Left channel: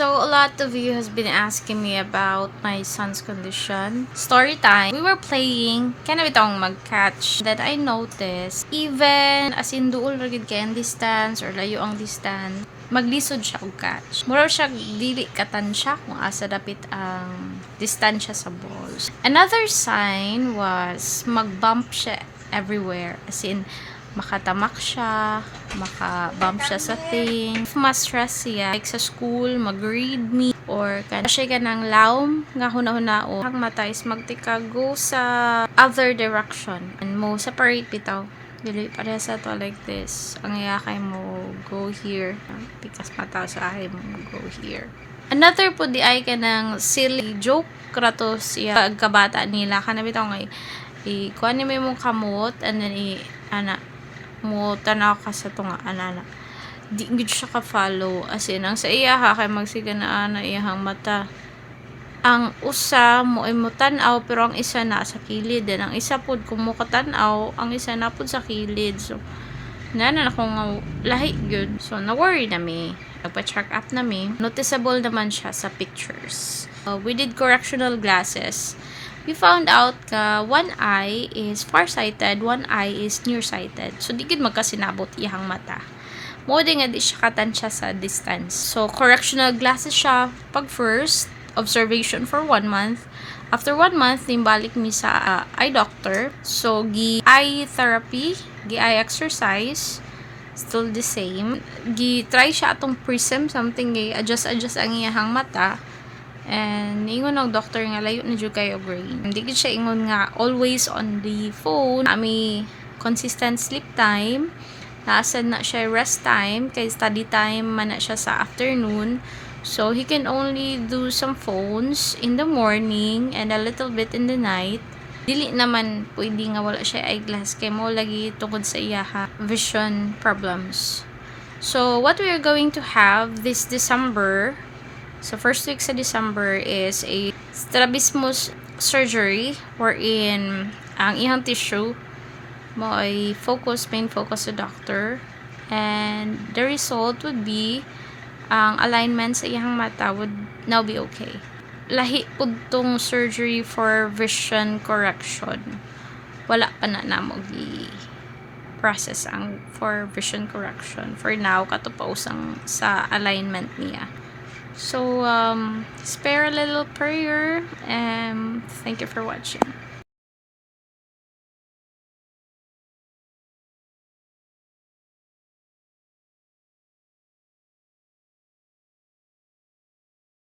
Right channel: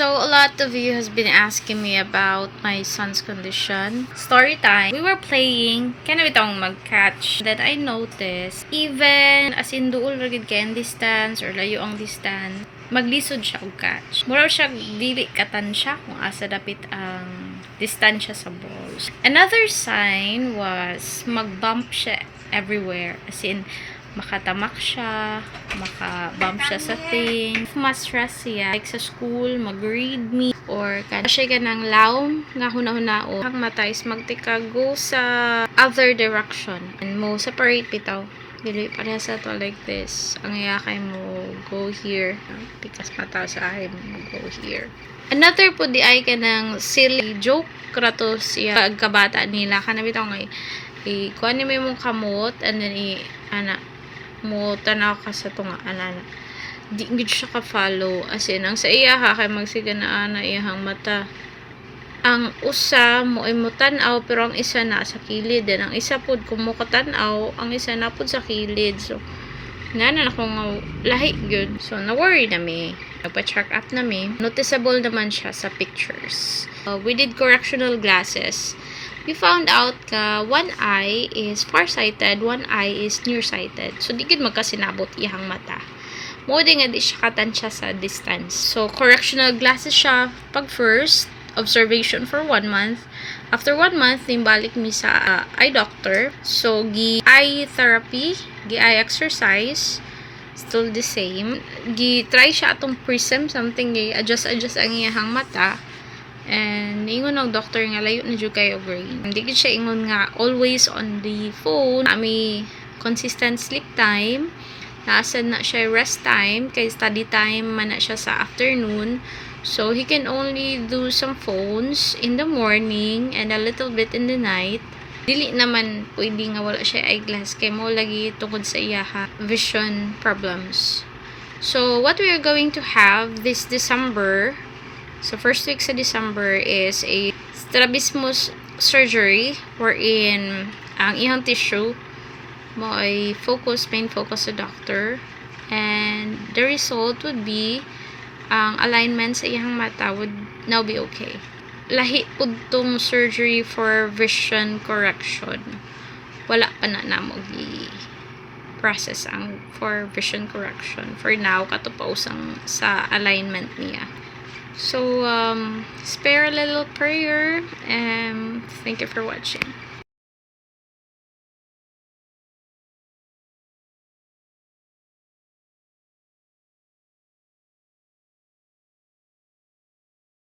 So a lot of you has been asking me about my son's condition. Story time. We were playing, kana bitong mag-catch. Then I noticed, even as in duol ragid kay ang distance or layo ang distance, maglisod siya og catch. Mura siya dili katansya kung asa dapit ang distansya sa balls. Another sign was mag-bump siya everywhere. As in, makatamak siya, makabump siya sa thing. If ma-stress siya, like sa school, mag-read me, or siya ka ng laom, nga hunahunao, ang mata is magtikago sa other direction. And mo separate bitaw. Dili pareha sa to like this. Ang iyakay mo go here. Because mata sa akin mo go here. Another po di ay ka ng silly joke kratos siya kabata nila. Kanabitaw nga kuha ni may mong kamot and then mo tanaw ka sa tunga anana di gid siya ka-follow as in ang sa iya ha kay magsiga na iyahang mata ang usa mo ay mo tan-aw pero ang isa na sa kilid then ang isa pud kung mo tan-aw ang isa na pud sa kilid so nana na kung lahi gyud so na worry na mi nagpa-check up na mi noticeable naman siya sa pictures. We did correctional glasses. We found out one eye is farsighted, one eye is nearsighted. So, di gid magkasinabot iyang mata. Mo di nga di siya katansya sa distance. So, correctional glasses siya pag first, observation for 1 month. After 1 month, nimbalik mi sa eye doctor. So, eye therapy, eye exercise, still the same. Try siya atong prism, something adjust ang iyang mata. And ingon ng doctor nga layo na jud kayo brain. Hindi gid siya ingon nga always on the phone. Ami consistent sleep time. Naasad na siya rest time kay study time man na siya sa afternoon. So he can only do some phones in the morning and a little bit in the night. Dili naman pwede nga wala siya eyeglass kay mo lagi tungod sa iya vision problems. So what we are going to have this December, so first week sa December is a strabismus surgery wherein ang iyang tissue mo ay main focus sa doctor and the result would be ang alignment sa iyang mata would now be okay. Lahi pud tong surgery for vision correction. Wala pa na namo process ang for vision correction. For now kato pa usang sa alignment niya. So, spare a little prayer and thank you for watching.